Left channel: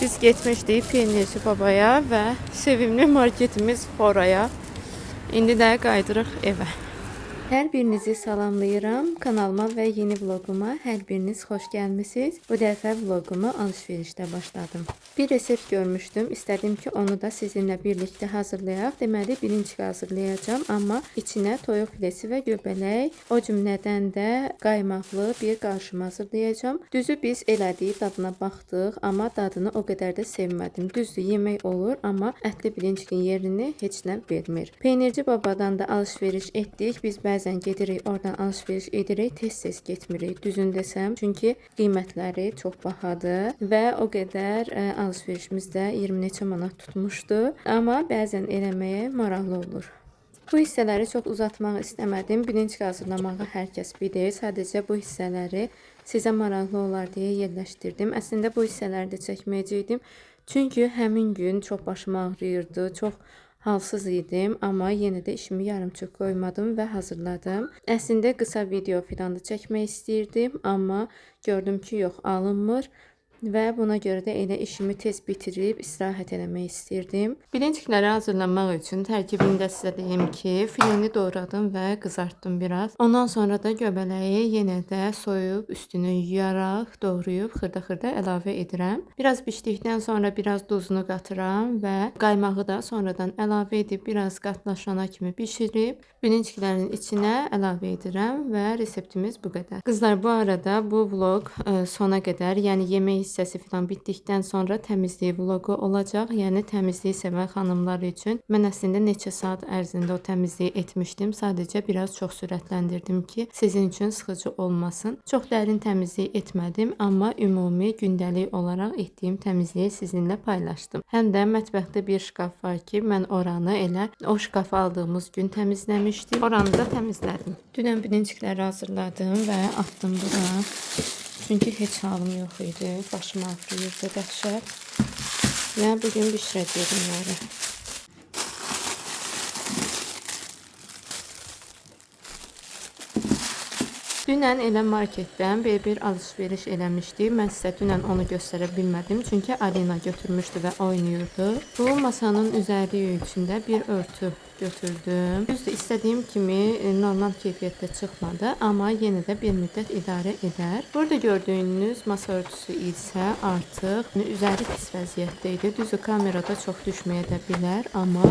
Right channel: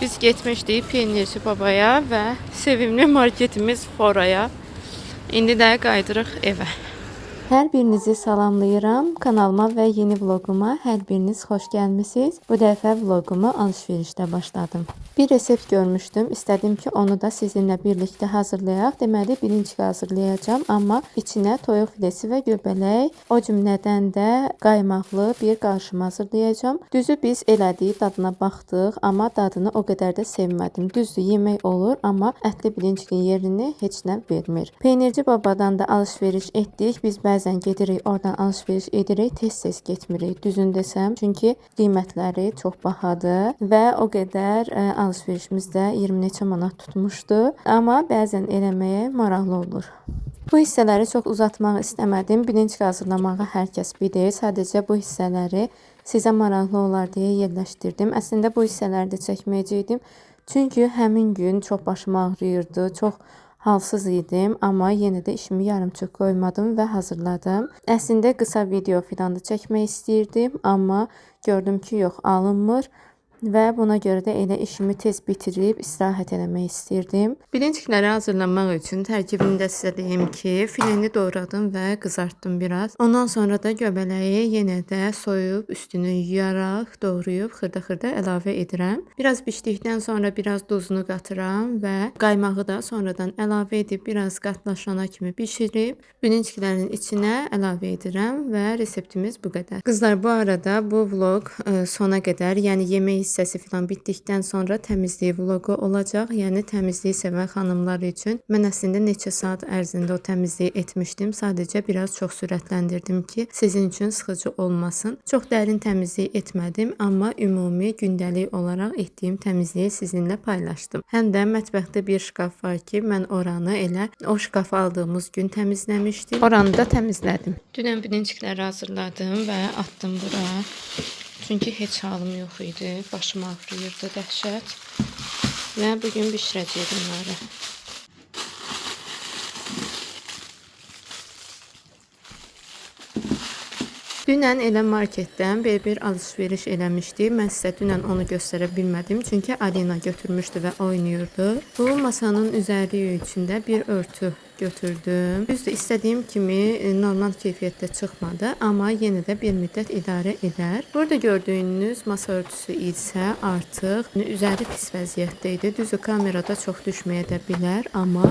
Biz getmişdik Peynirci Babaya və sevimli marketimiz Foraya. İndi də qayıdırıq evə. Hər birinizi salamlayıram. Kanalıma və yeni vloguma hər biriniz xoş gəlmisiniz. Bu dəfə vlogumu alışverişdə başladım. Bir resept görmüşdüm. İstədim ki, onu da sizinlə birlikdə hazırlayaq. Deməli, birinci hazırlayacağım, amma içinə toyuq filesi və göbələk, o cümlədən də qaymaqlı bir qarışım hazırlayacağım. Düzü biz elədik, dadına baxdıq, amma dadını o qədər də sevmədim. Düzdür, yemək olur, amma ətli bilincin yerini heç nə vermir. Peynirci Babadan da alışveriş etdik. Biz bəzən gedirik, oradan alışveriş edirik, tez-tez getmirik. Düzün desəm, çünki qiymətləri çox bahadır və o qədər alışverişimiz də 20 neçə manat tutmuşdu. Amma bəzən eləməyə maraqlı olur. Bu hissələri çox uzatmaq istəmədim. Bilinç hazırlamağı hər kəs bilir. Sadəcə bu hissələri sizə maraqlı olar deyə yerləşdirdim. Əslində bu hissələri də çəkməyəcəkdim. Çünki həmin gün çox başım ağrıyırdı, çox halsız idim, amma yenə də işimi yarımçıq qoymadım və hazırladım. Əslində qısa video filan da çəkmək istəyirdim, amma gördüm ki, yox, alınmır. Və buna görə də elə işimi tez bitirib istirahət eləmək istirdim. Bilincikləri hazırlamaq üçün tərkibində sizə deyim ki, fileni doğradım və qızartdım biraz. Ondan sonra da göbələyi yenə də soyub, üstünü yuyaraq, doğrayıb, xırda-xırda əlavə edirəm. Biraz bişdikdən sonra biraz duzunu qatıram və qaymağı da sonradan əlavə edib biraz qatlaşana kimi bişirib, bilinciklərin içinə əlavə edirəm və reseptimiz bu qədər. Qızlar, bu arada bu vlog sona qədər, yəni yemək hissəsi falan bitdikdən sonra təmizlik vloqu olacaq. Yəni təmizliyi sevən xanımlar üçün mən əslində neçə saat ərzində o təmizliyi etmişdim. Sadəcə biraz çox sürətləndirdim ki, sizin üçün sıxıcı olmasın. Çox dərin təmizlik etmədim, amma ümumi gündəlik olaraq etdiyim təmizliyi sizinlə paylaşdım. Həm də mətbəxdə bir şkaf var ki, mən oranı elə o şkafı aldığımız gün təmizləmişdim. Oranı da təmizlədim. Dünən bilincikləri hazırladım və atdım bura. Çünki heç halım yox idi. Başım ağrıyırdı dəhşət. Və bugün bişirəcəyim onları. Dünən elə marketdən bir alışveriş eləmişdi. Mən sizə dünən onu göstərə bilmədim. Çünki Alina götürmüşdü və oynayırdı. Bu masanın üzəri içində bir örtü götürdüm. Düzdür, istədiyim kimi normal keyfiyyətdə çıxmadı, amma yenə də bir müddət idarə edər. Burada gördüyünüz masa örtüsü isə artıq üzəri pis vəziyyətdə idi. Düzdür, kamerada çox düşməyə də bilər, amma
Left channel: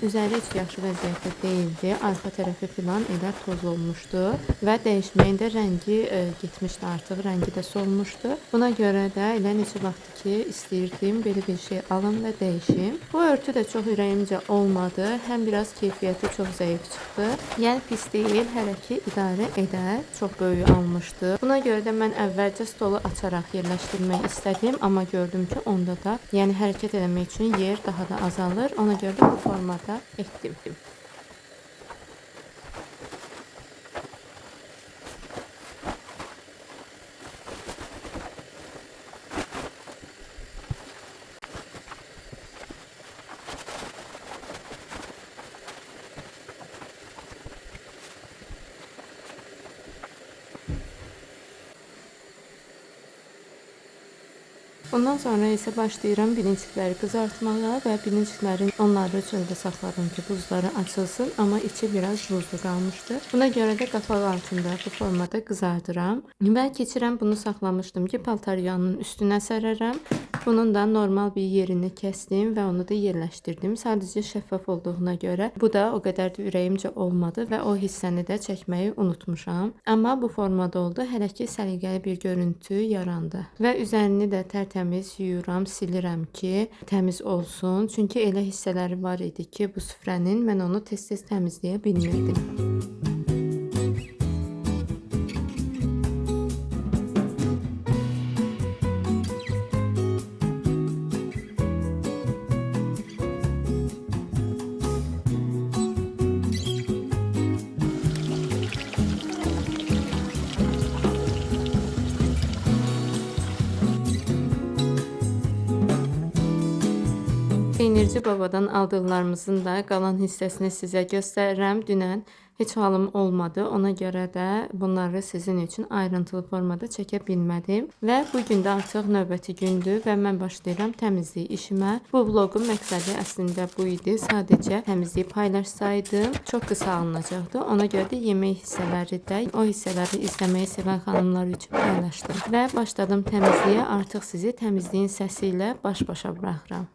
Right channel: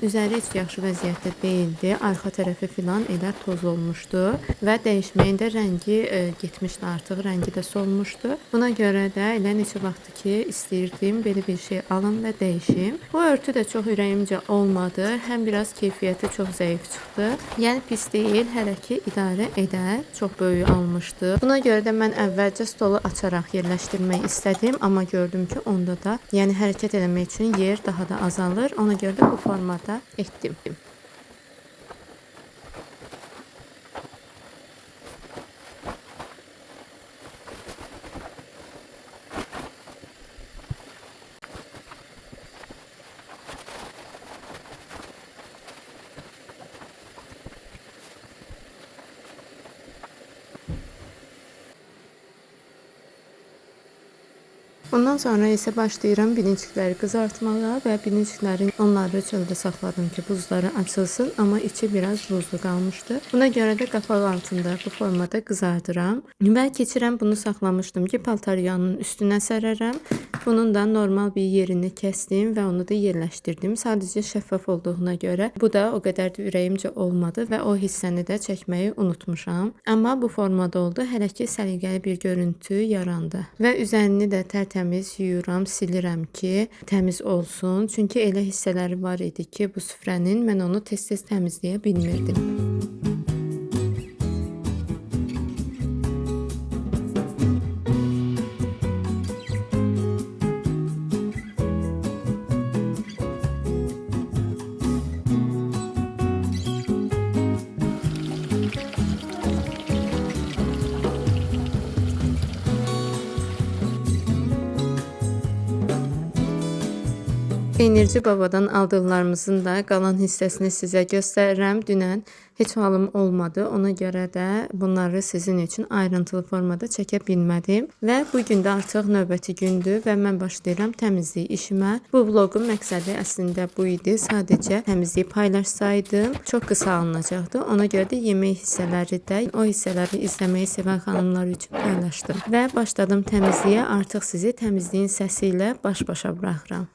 üzəri heç yaxşı vəziyyətdə deyildi. Arxa tərəfi filan elə toz olmuşdu və dəyişməyin də rəngi getmişdi artıq, rəngi də solmuşdu. Buna görə də elə neçə vaxtdır ki, istəyirdim belə bir şey alım və dəyişim. Bu örtü də çox ürəyimcə olmadı. Həm biraz keyfiyyəti çox zəif çıxdı. Yəni pis deyil, hələ ki idarə edər. Çox böyük almışdı. Buna görə də mən əvvəlcə stolu açaraq yerləşdirmək istədim, amma gördüm ki, onda da yəni hərəkət eləmək üçün yer daha da azalır. Ona görə də bu formada etdim. Bundan sonra isə başlayıram bilincikləri qızartmağa və bilinciklərin onları çöldə saxladım ki, buzları açılsın, amma içi biraz buzlu qalmışdı. Buna görə də qapaq altında bu formada qızardıram. Və keçirəm, bunu saxlamışdım ki, paltaryanın üstünə sərərəm. Bunun da normal bir yerini kəsdim və onu da yerləşdirdim. Sadəcə şəffaf olduğuna görə bu da o qədər də ürəyimcə olmadı və o hissəni də çəkməyi unutmuşam. Amma bu formada oldu. Hələ ki səliqəli bir görüntü yarandı. Və üzərini də tərtəmiz yuyuram, silirəm ki, təmiz olsun. Çünki elə hissələri var idi ki, bu süfrənin mən onu tez-tez təmizləyə bilmirdim. Peynirci Babadan aldıqlarımızın da qalan hissəsini sizə göstərirəm. Dünən heç halım olmadı. Ona görə də bunları sizin üçün ayrıntılı formada çəkə bilmədim. Və bu gün də artıq növbəti gündür və mən başlayıram təmizlik işimə. Bu vloqun məqsədi əslində bu idi. Sadəcə təmizliyi paylaşsaydım çox qısa alınacaqdı. Ona görə də yemək hissələri də o hissələri izləməyi sevən xanımlar üçün paylaşdım. Və başladım təmizliyə. Artıq sizi təmizliyin səsi ilə baş-başa buraxıram.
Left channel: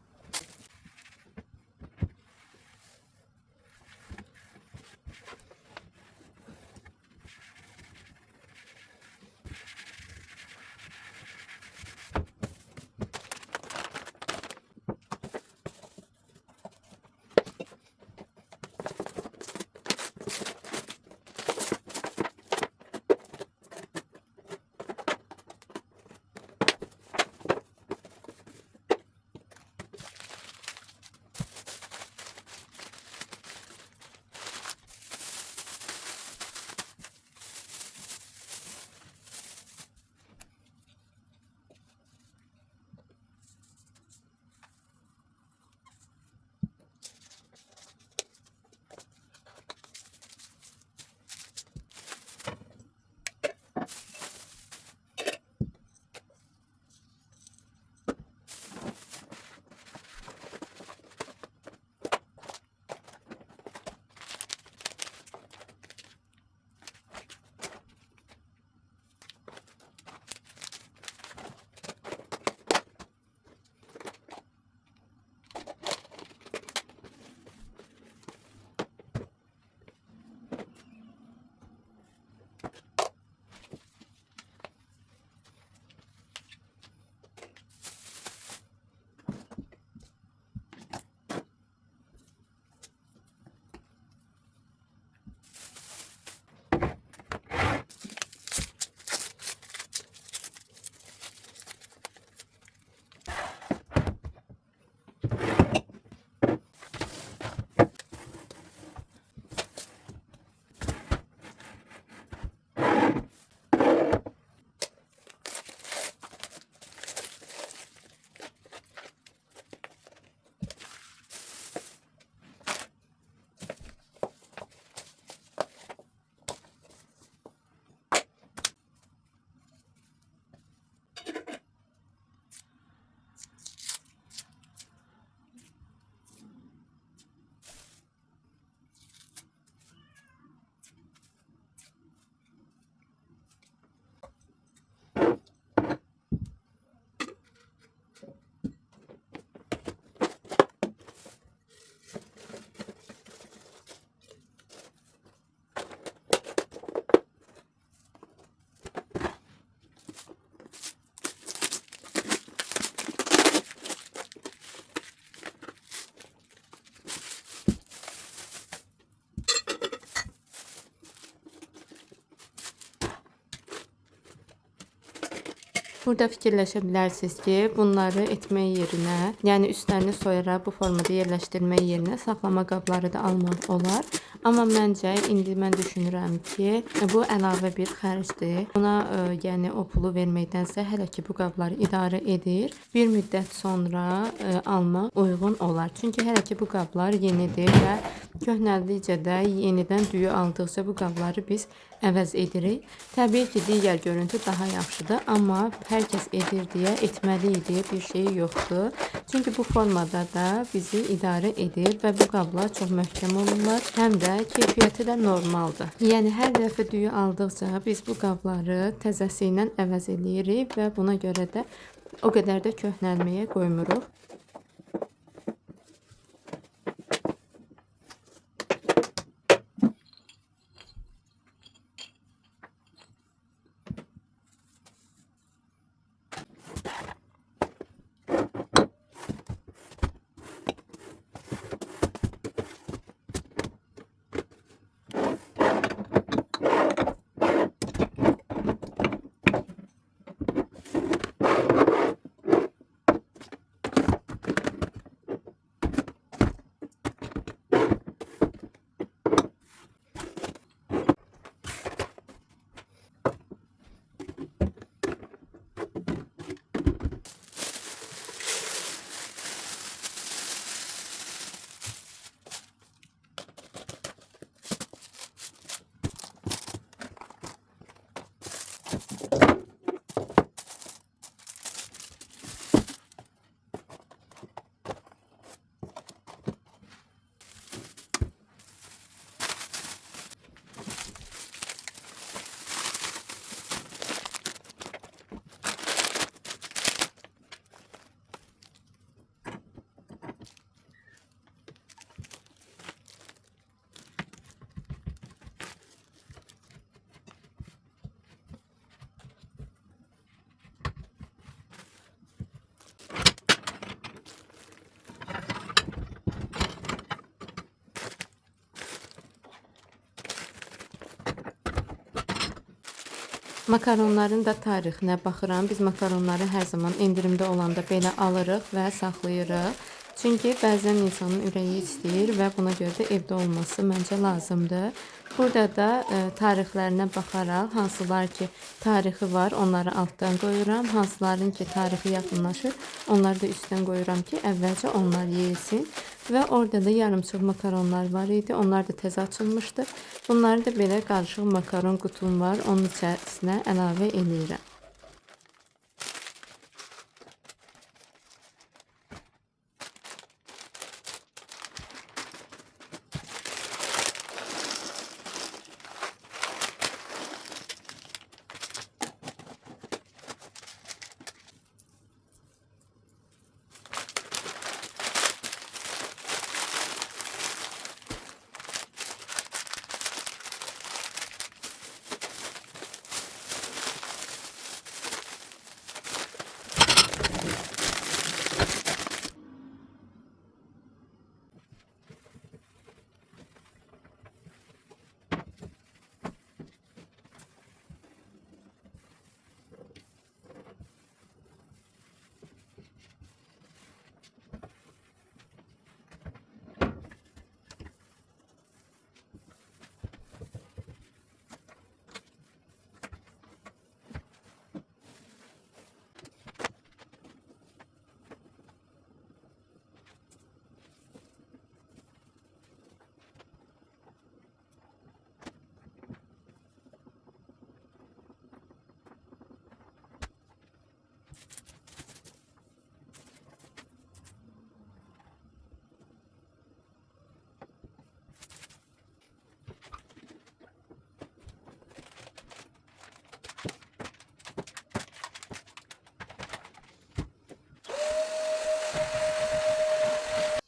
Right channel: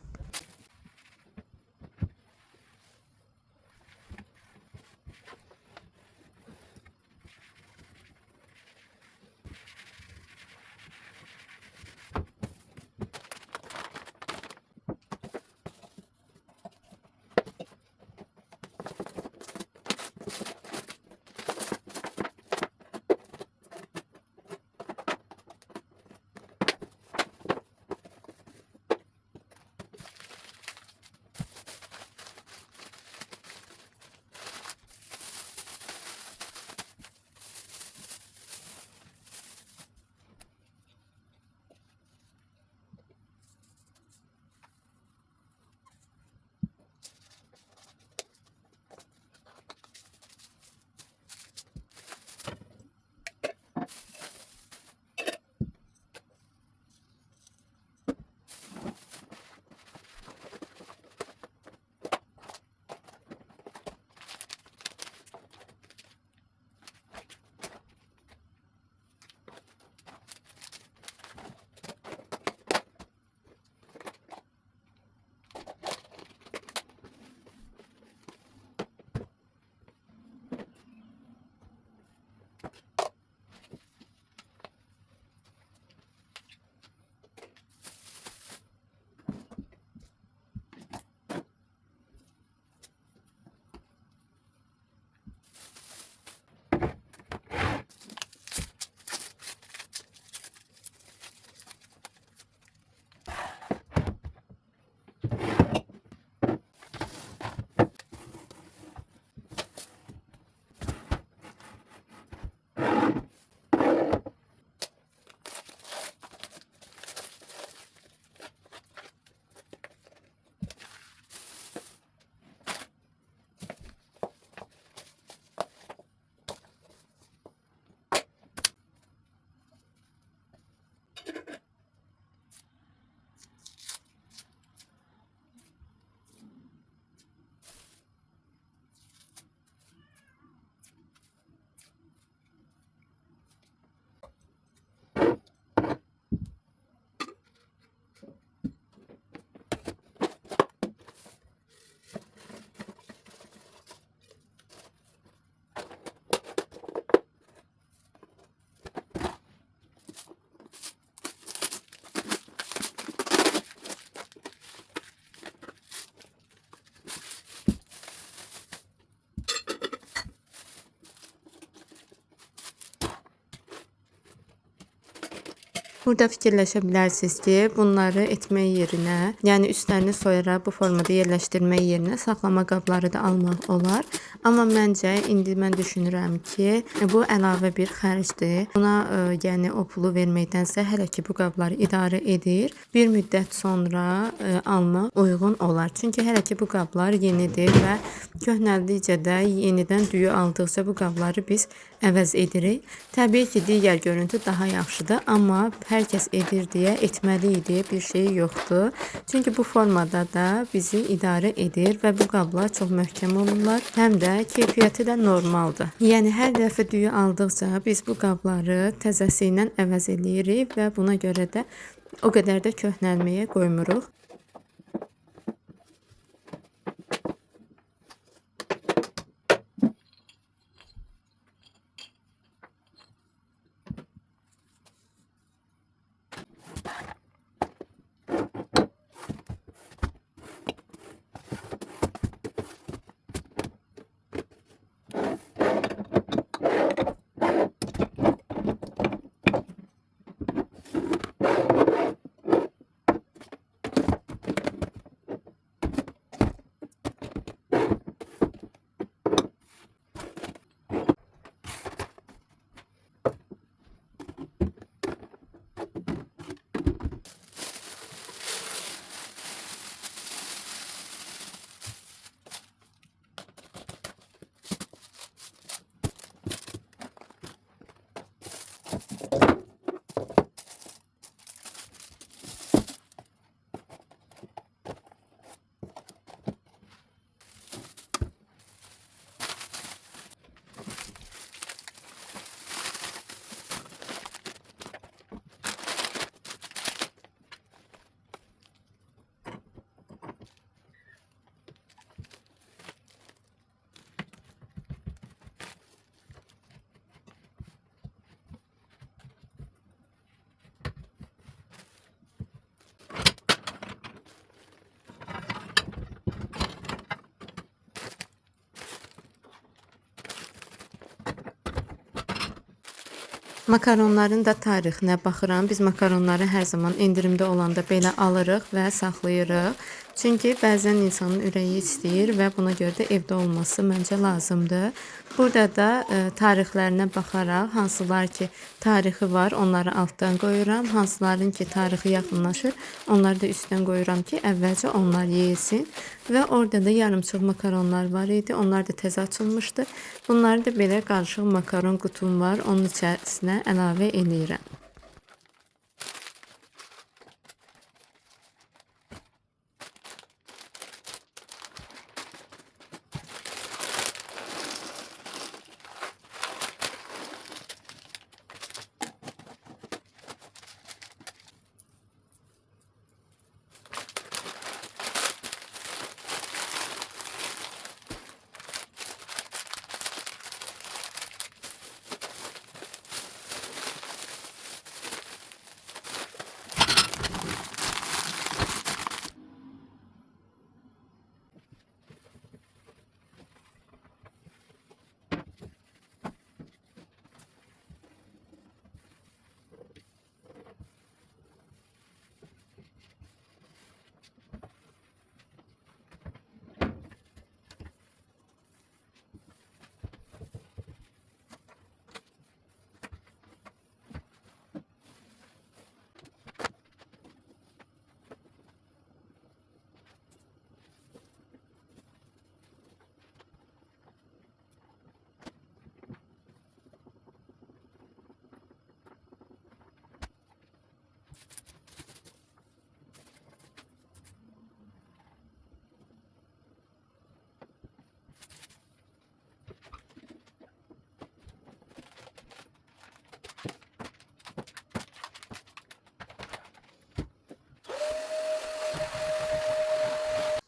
Burada fikirləşə bilərsiniz ki, bunları etmək yerinə, yəni üstlərini soyaraq bu formada yerləşdirmək yerinə saxlama qabları da almaq olar. Amma məncə indi mən düşünürəm ki, bu əlavə bir xərcdir. Buna yəni o pulu verməkdənsə hələ ki bu qabları idarə edir, bir müddət sonra almaq uyğun olar. Çünki hələ ki bu qablar yenidir və köhnəldikcə də yenidən düyü aldıqca bu qabları biz əvəz edirik. Təbii ki, digər görüntü daha yaxşıdır, amma hər kəs edir deyə etməli deyə bir şey yoxdur. Çünki bu formada da bizi idarə edir və bu qablar çox möhkəm olurlar, həm də keyfiyyəti də normaldır. Yəni hər dəfə düyü aldıqca biz bu qabları təzəsi ilə əvəz edirik və buna görə də o qədər də köhnəlməyə qoymuruq. Makaronların da tarixinə baxıram. Biz makaronları hər zaman endirimdə olanda belə alırıq və saxlayırıq. Çünki bəzən insanın ürəyi istəyir və buna görə də evdə olması məncə lazımdır. Burada da tarixlərinə baxaraq hansılar ki tarixi var, onları altdan qoyuram. Hansıların ki tarixi yaxınlaşır, onları da üstdən qoyuram ki, əvvəlcə onlar yeyilsin. Və orada da yarımçıq makaronlar var idi. Onlar da təzə açılmışdı. Bunları da belə qarışıq makaron qutum var. Onun içərisinə əlavə eləyirəm.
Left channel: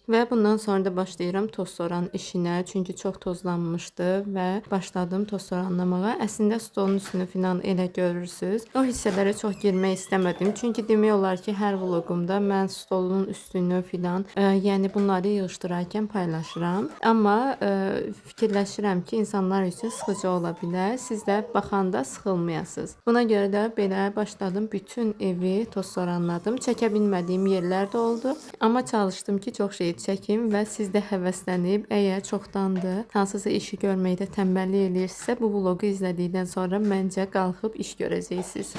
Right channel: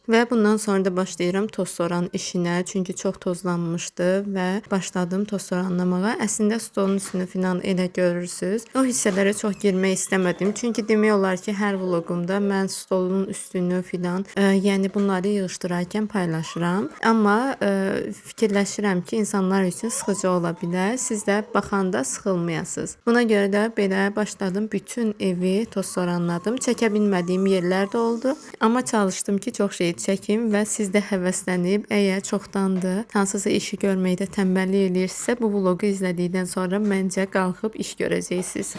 Və bundan sonra da başlayıram toz soran işinə. Çünki çox tozlanmışdı və başladım toz soranlamağa. Əslində stolun üstünü filan elə görürsüz. O hissələrə çox girmək istəmədim. Çünki demək olar ki, hər vloqumda mən stolun üstünü filan, yəni bunları yığışdırarkən paylaşıram. Amma fikirləşirəm ki, insanlar üçün sıxıcı ola bilər. Siz də baxanda sıxılmayasınız. Buna görə də belə başladım. Bütün evi toz soranladım. Çəkə bilmədiyim yerlər də oldu. Amma çalışdım ki, çox şey çəkim və siz də həvəslənib, əgər çoxdandır hansısa işi görməkdə tənbəllik eləyirsinizsə, bu vloqu izlədikdən sonra məncə qalxıb iş görəcəksiniz.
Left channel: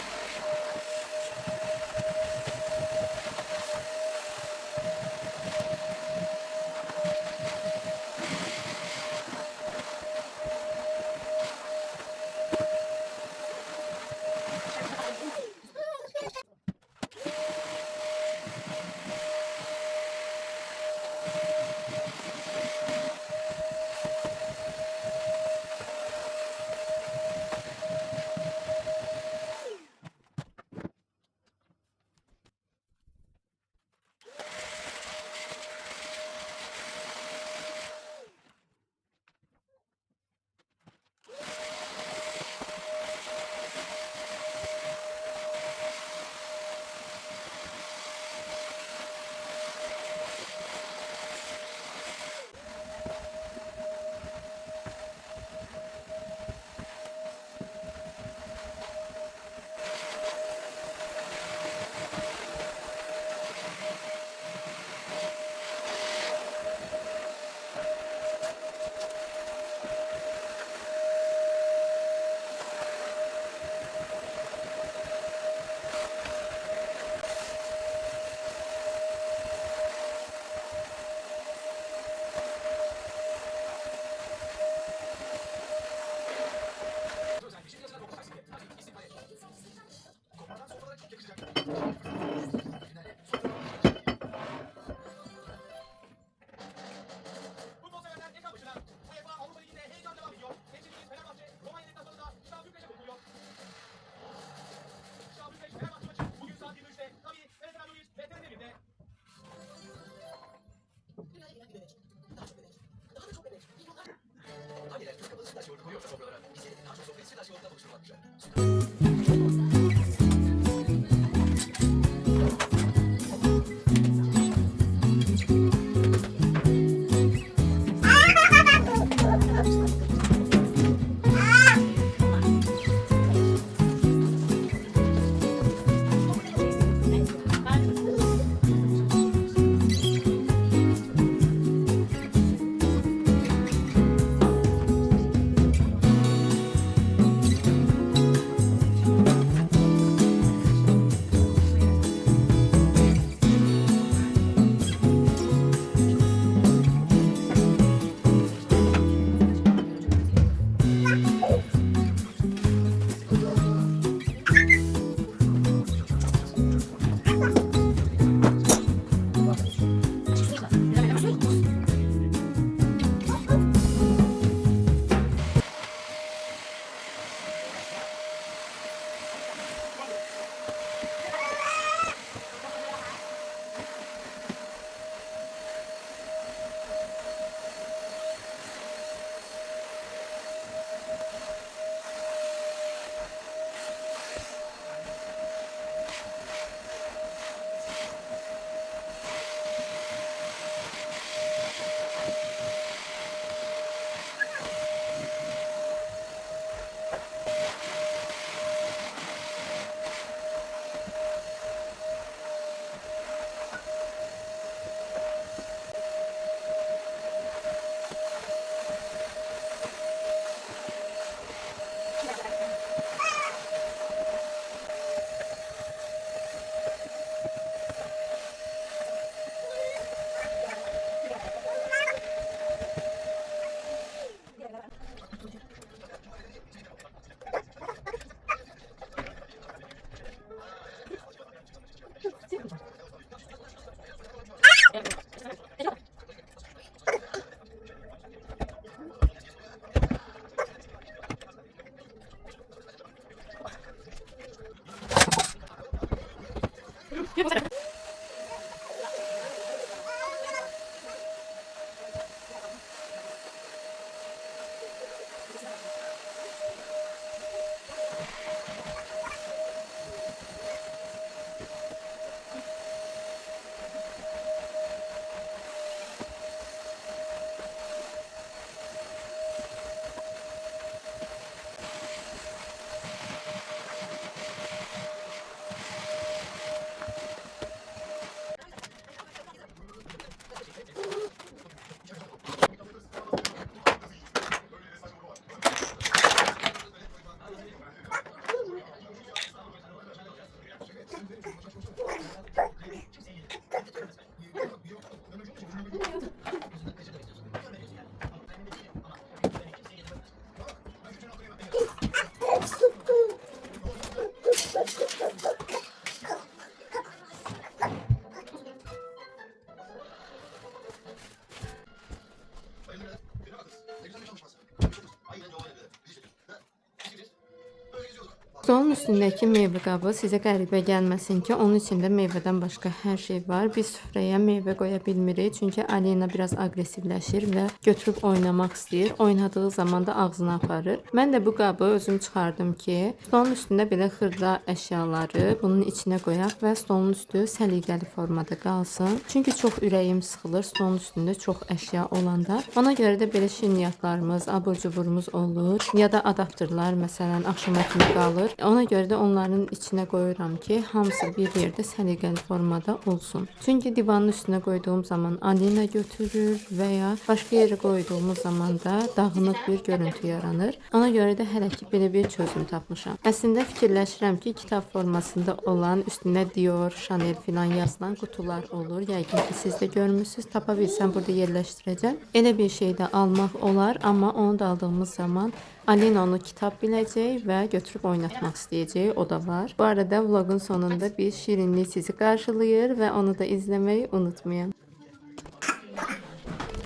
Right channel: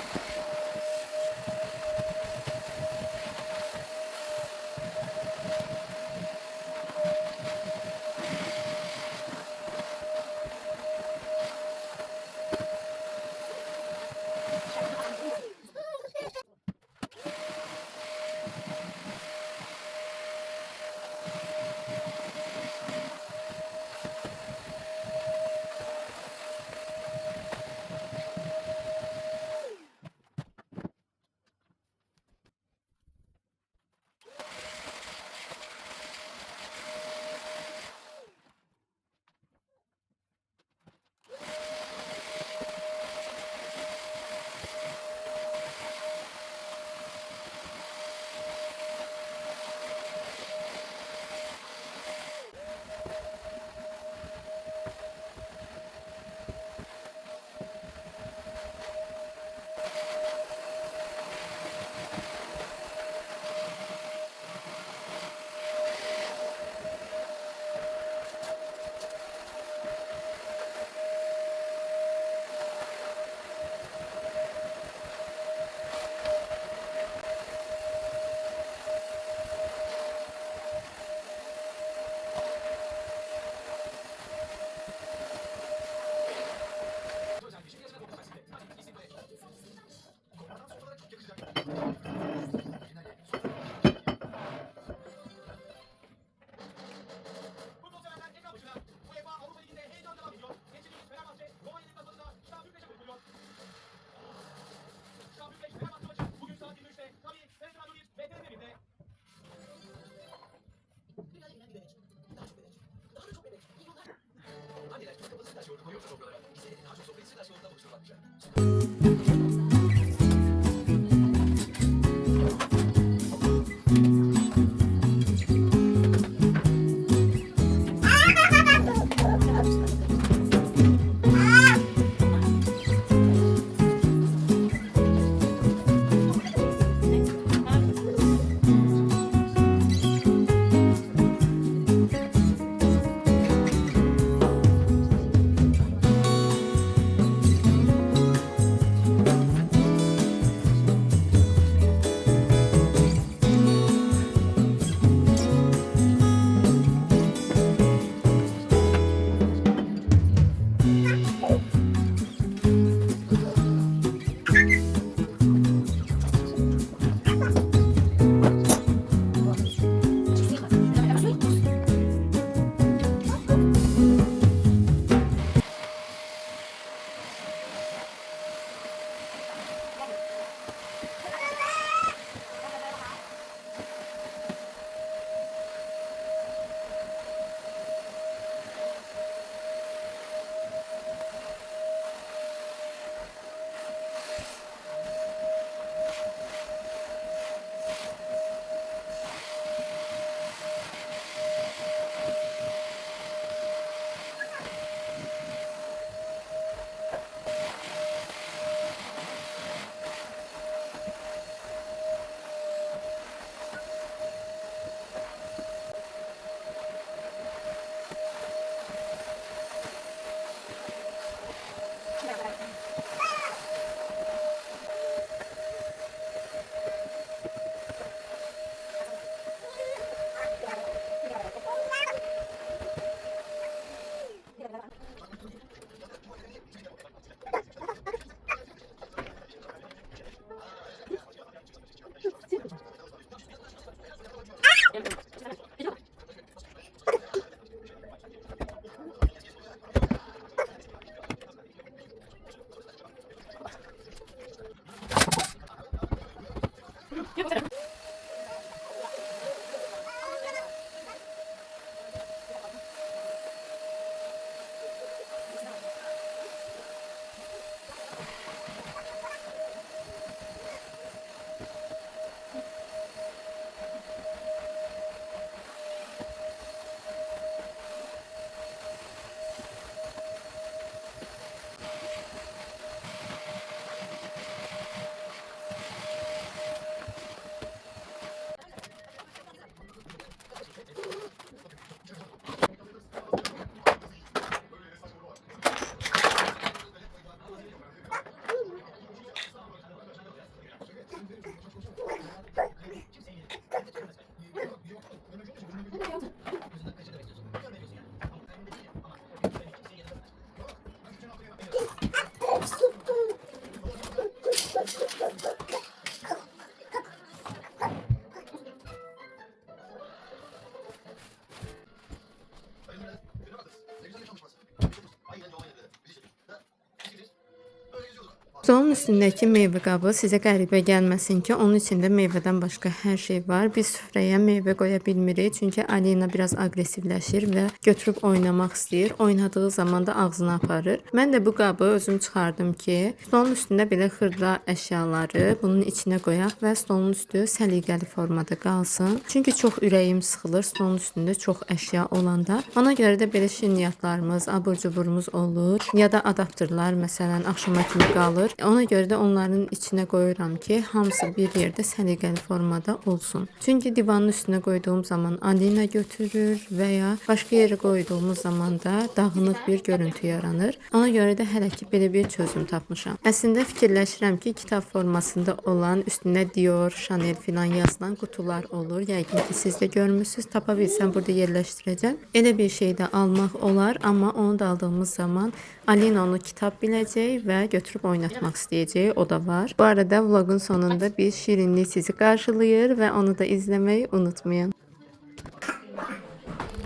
Stolun üstündəki meyvə qabı sizə qəribə gəlməsin ki, onun içində meyvədən başqa hər şey var. Biz süfrəyə meyvə qoya bilmirik, çünki Alina biraz aqressivləşir və götürüb oynamaq istəyir. Oynadığı zaman da ağzına aparır. Mən də bu qabı özüm çıxardım ki, stolun üstündə belə xırda əşyaları bunun içinə qoyaq və stolun üstü səliqəli formada qalsın. Çünki çox ürəyim sıxılır stolun üstündə çox əşya olanda. Ona görə də belə şirniyyatlarımız, abur-cuburumuz olur, ya da adapterlər məsələn axşama kimi qalır. Ona görə də onların içinə qoyuram ki, hamısı bir yerdə səliqəli formada olsun. Çünki divanın üstünə qoyduğum zaman Alina götürür və ya başqa yerə qoyduğumuz zaman da dağınıq bir görüntü yaranır. Ona görə də hələ ki belə bir çözüm tapmışam. Əslində fikirləşirəm ki, kitab formasında olan üstünə Dior, Chanel filan yazılan qutular olur. Yəqin ki siz də görmüsünüz. Tapa bilsəm burada yerləşdirəcəm. Elə bir şey də almaq olar, amma onu da aldığımız zaman Alina onu kitab biləcək və götürüb oynatmaq istəyəcək. O da var. Bu arada vlogun sonunda bir şirinlik sizi qarşılayır və onu da izləməyi unutmayın.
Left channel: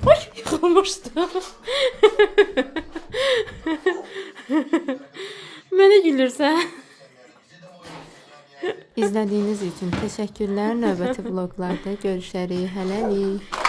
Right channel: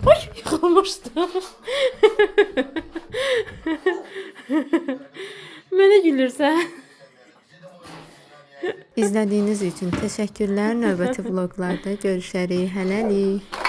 Oy, yıxılmışdım. Mənə gülürsən. İzlədiyiniz üçün təşəkkürlər. Növbəti vloqlarda görüşərik. Hələlik.